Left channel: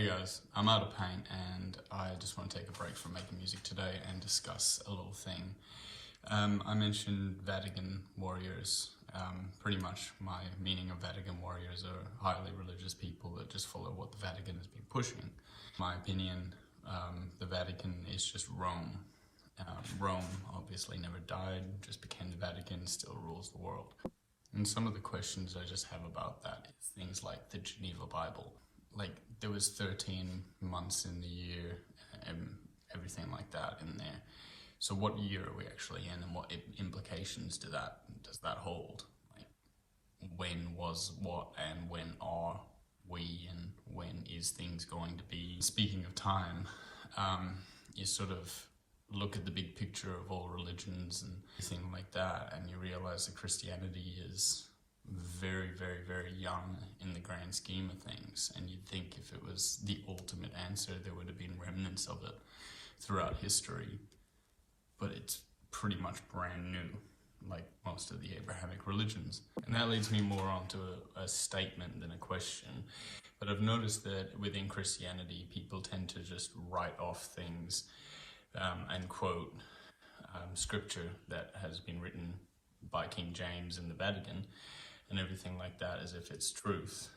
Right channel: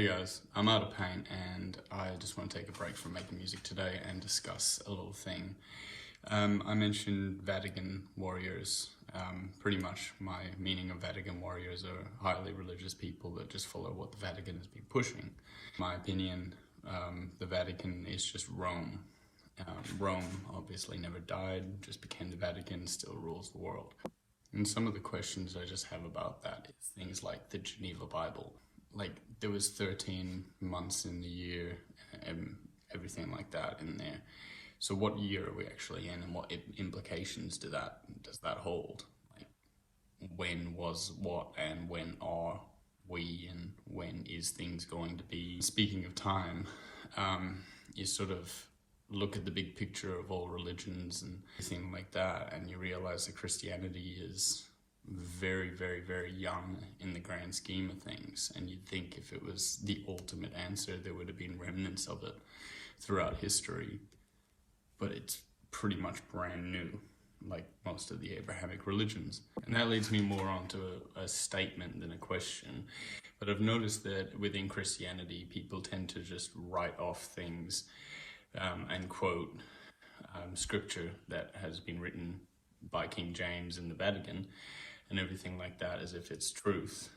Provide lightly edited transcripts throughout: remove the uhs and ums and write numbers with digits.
Hey guys, I'm out of paint and I just want to take a break from making music today and discuss a little thing. I mentioned Vatican warriors. Pretty much my meaning of Vatican warriors are highly religious people that just follow what the Vatican has been pushing. In my opinion, the Vatican is just Rome. Rome obviously never died, just became the Vatican, still rules the world. And some of the questions I just have about that is things like the Geneva Bible. Like, there was 13 months in the year and everything like that in there. So what year are we actually in, and what implications does that hold? Like, when was what, and when are we, and when is things going to be? Speaking of time, you sort of look at the big picture of all religions and everything like that, and you realize that Christianity is very, very, very young in the grand scheme of things. And you'd think if it was the ultimate answer, there would have been remnants of it throughout history. But it's pretty much brand new, like most of the Abrahamic religions. And that leads me more onto a statement than a question. But I've noticed that within Christianity, people tend to just write off things and quote scripture that has been written by King James in the Vatican and everything like that as if it's truth.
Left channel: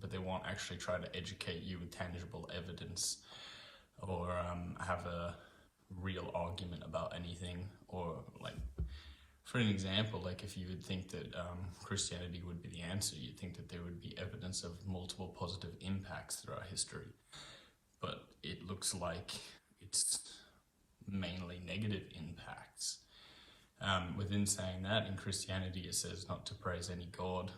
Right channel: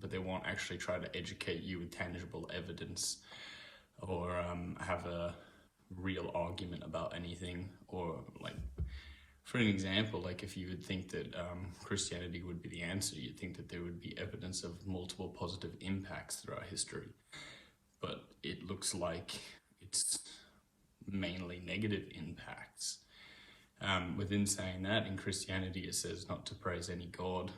But they won't actually try to educate you with tangible evidence or have a real argument about anything. Or, like, for an example, like if you would think that Christianity would be the answer, you'd think that there would be evidence of multiple positive impacts throughout history. But it looks like it's mainly negative impacts. Within saying that, in Christianity it says not to praise any god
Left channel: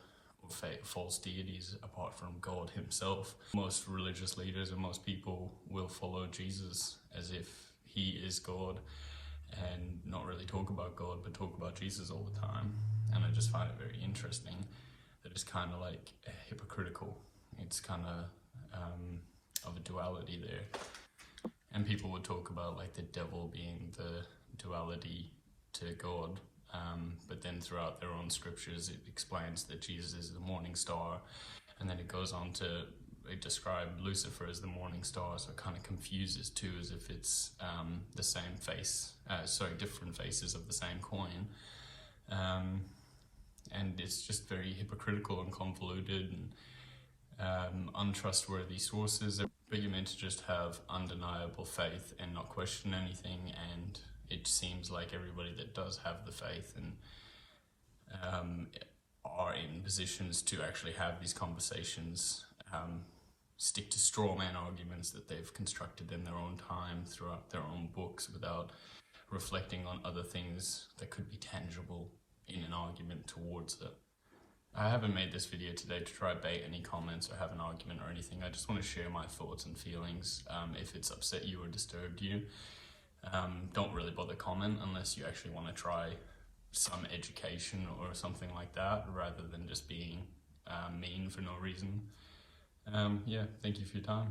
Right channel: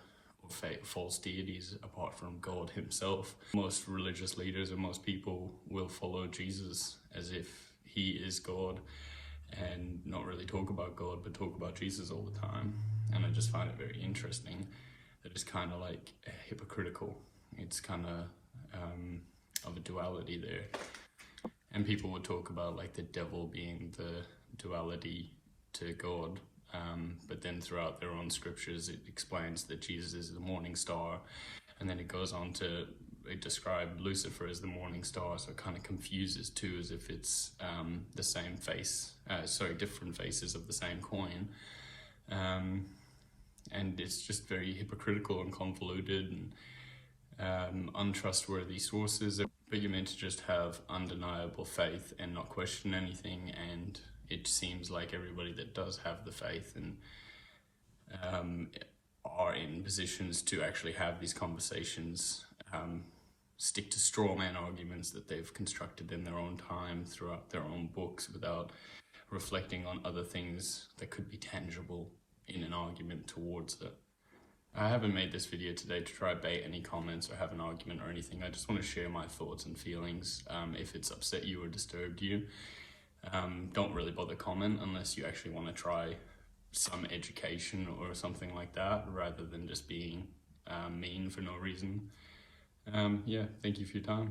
or false deities apart from God himself. Most religious leaders and most people will follow Jesus as if he is God and not really talk about God but talk about Jesus all the time. And I just find it very interesting. That it's kind of like hypocritical. It's kind of a duality there. And people would talk about like the devil being the duality to God, but then throughout their own scriptures it explains that Jesus is the morning star, and then it goes on to describe Lucifer as the morning star, so it kind of confuses too, as if it's the same face, different faces of the same coin, and it's just very hypocritical and convoluted and untrustworthy sources. But you're meant to just have undeniable faith and not question anything, and it seems like everybody that does have the faith and are in positions to actually have these conversations stick to straw man arguments that they've constructed in their own time throughout their own books without reflecting on other things that could be tangible in an argument towards it. I haven't made this video today to try to bait any comments or have an argument or anything. I just want to share my thoughts and feelings. If it's upset you or disturbed you, don't really bother comment unless you actually want to try some education or something like that, rather than just being mean for no reason. Yeah, thank you for your time.